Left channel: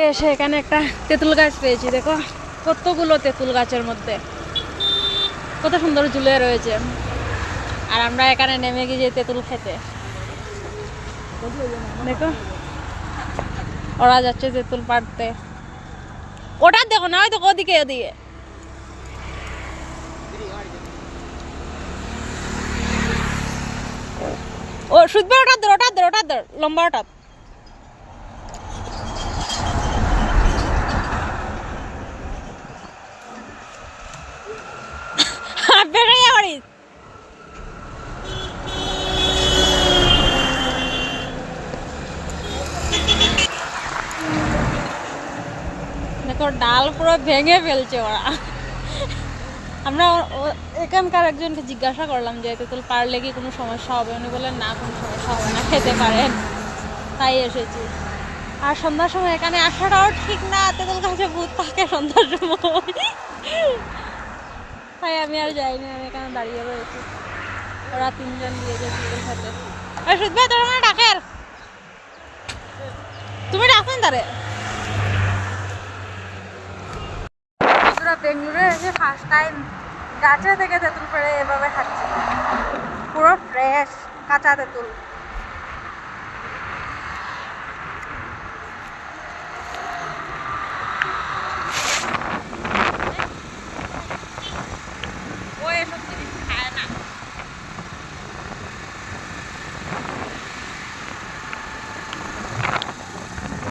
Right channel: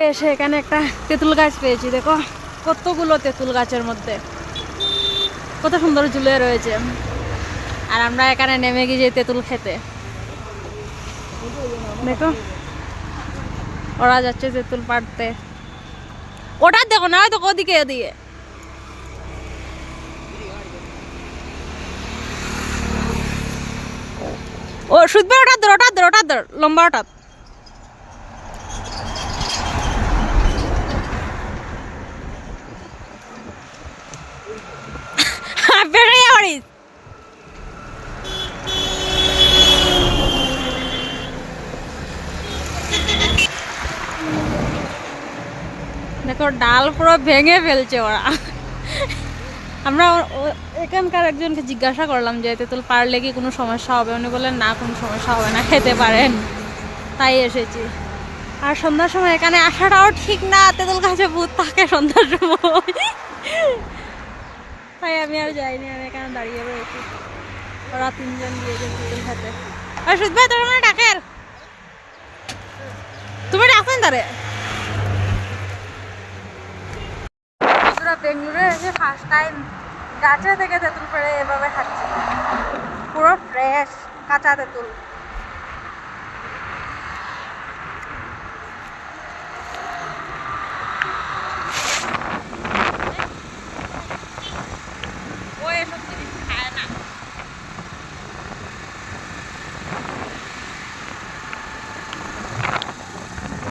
এসে এখানে একটা তেঁতুল গাছ পেয়েছি, দেখো কতগুলো তেঁতুল গাছের মধ্যে কত সুন্দর ঝুলে রয়েছে। আর আমরা এখানে নেমে গিয়ে তেঁতুল খেতে, দেখো ওরা যাচ্ছে তেঁতুল পাড়তে। ওটা দেখো না, তো ওদিকে এদিকে ও শুধবে, ওটা ধর লম্বা ওটা। দেখো ডাল পুরো ভেঙে ফেলছে ওরা। আমরা এখানকার একজনকে জিজ্ঞাসা করলাম যে তেঁতুল পারলে কি কোনো সমস্যা হবে, উনি বললেন না, কোনো সমস্যা হবে না, খেতে পারেন। তাই এসেছি। আর সন্ধ্যার সময় এখানে আসাটাও ঠিক না, তেঁতুল গাছে ভূত থাকে সন্ধ্যার সময়। তাই আমি আর যাইনি, আমি এখানে দাঁড়িয়ে রয়েছি। ওরা তিনজন দিয়েছে তেঁতুল খেতে। আর সুদ ভাই তোমার মানে ডাকের, তুমি ডাকেন তারে। বেঙ্গুরে এসে ফার্স্ট টাইম গাছে থেকে তেঁতুল পেড়ে এভাবে খাচ্ছি, পুরো ফ্রেশ কাঁচা তেঁতুল।